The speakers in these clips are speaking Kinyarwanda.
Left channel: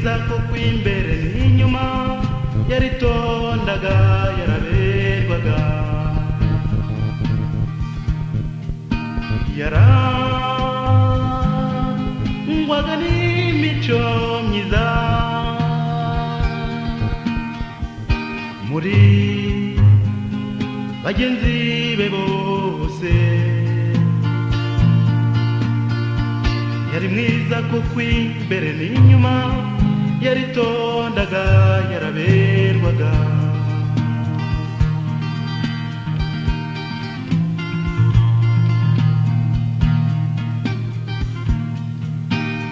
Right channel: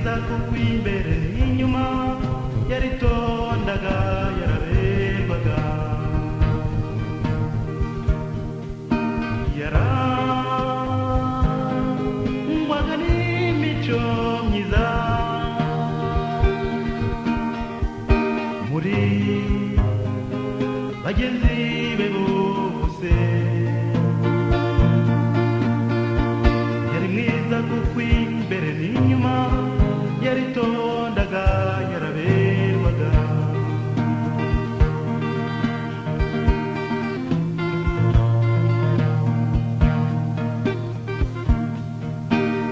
mwiza kuko imbere n'inyuma yaritondaga yaraberwaga yarangwaga n'imico myiza muri bagenzi be bose yari mwiza kuko imbere n'inyuma yaritondaga yaraberwaga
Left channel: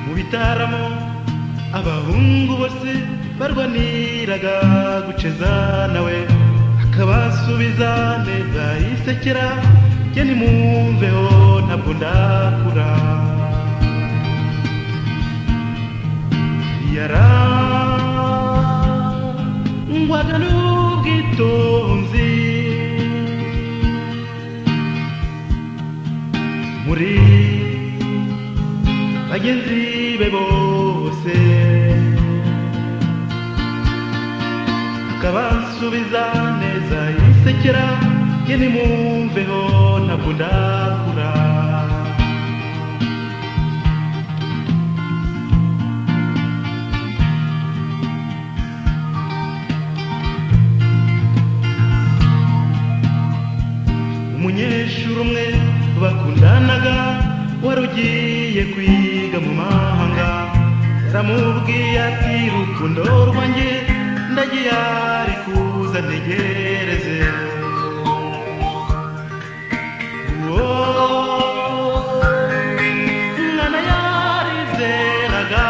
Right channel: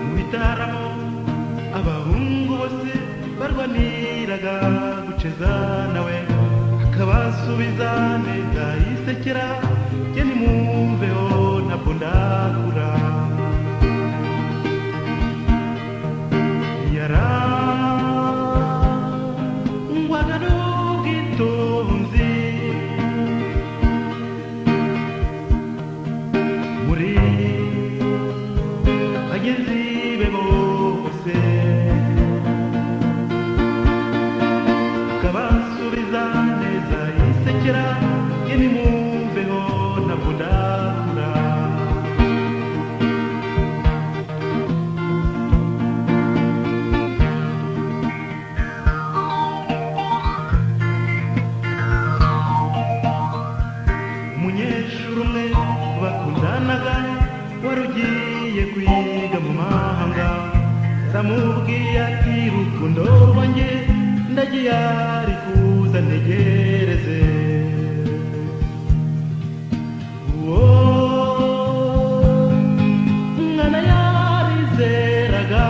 mu bitaramo abahungu bose barwaniraga guceza nawe akabasubiza neza yisekera jye nimumveho ntabwo ndakura yarangwaga n'ubwitonzi muri bagenzi be bose akabasubiza neza yisekera jye nimumveho ntabwo ndakura umunyeshuri umwe bakundanaga wari ugiye kwiga mu mahanga yaramubwiye ati rukundo rwanjye ndagiye ari kuza ntegereze umwana yarizeraga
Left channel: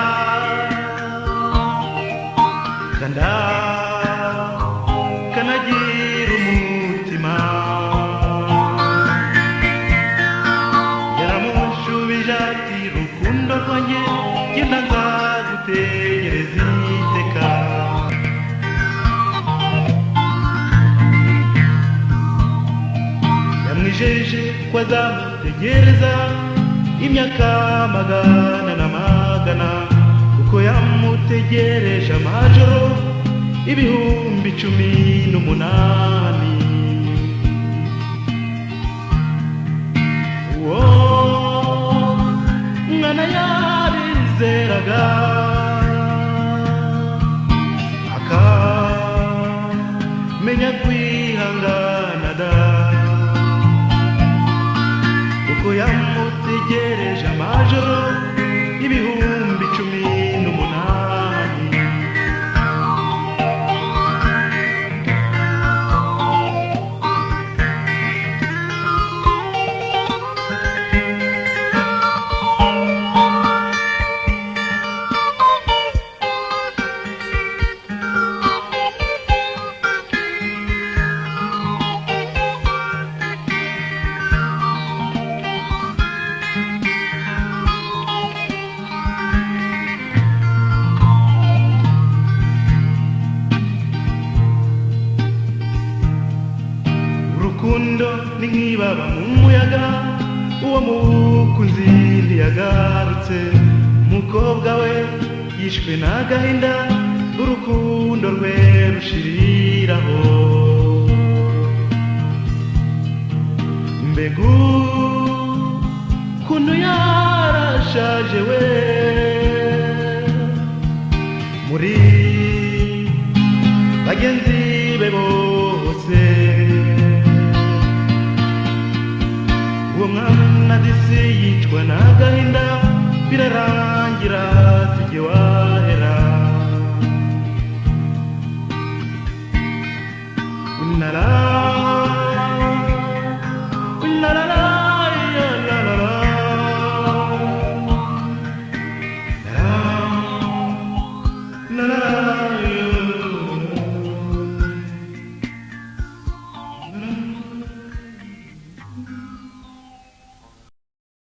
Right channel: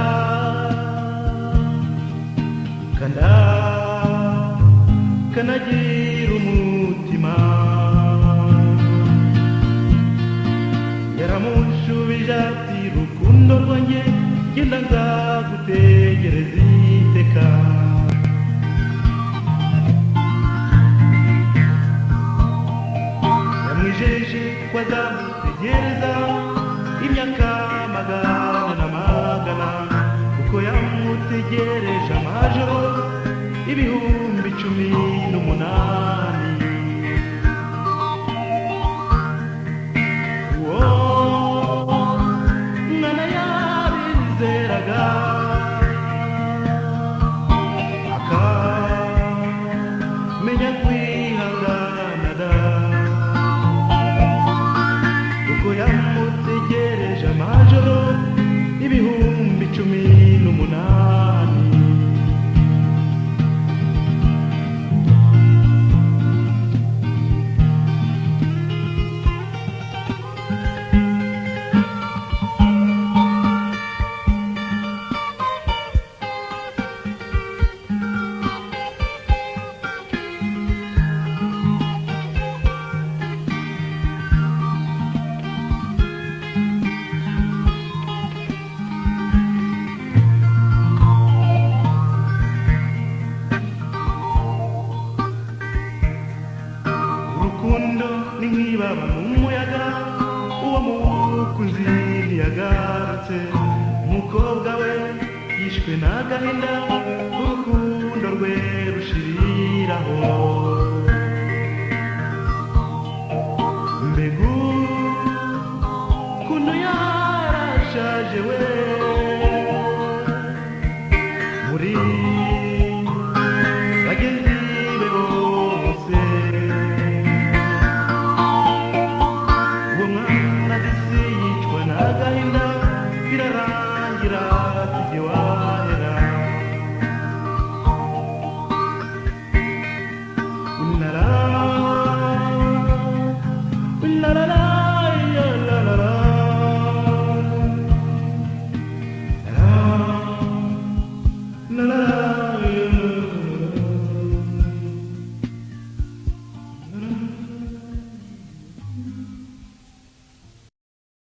kanagira umutima yaramushubije ati rukundo rwanjye genda nzagutegereza iteka yamwijeje ko azamutegereza imyaka magana na magana kuko yamutegereje amajoro 18,000 umwana yarizeraga akamenya kwihangana da kuko yamutegereje amajoro 18,000 urukundo ni nk'ibaba mu muyaga uwo mukunzi ntiyagarutse umukobwa we yishwe n'agahinda urukundo rwe rushiriraho mbegu kuntu yarashaje we muri bagenzi be bose umwana disi yicwa n'agahinda birarangira tujye wahera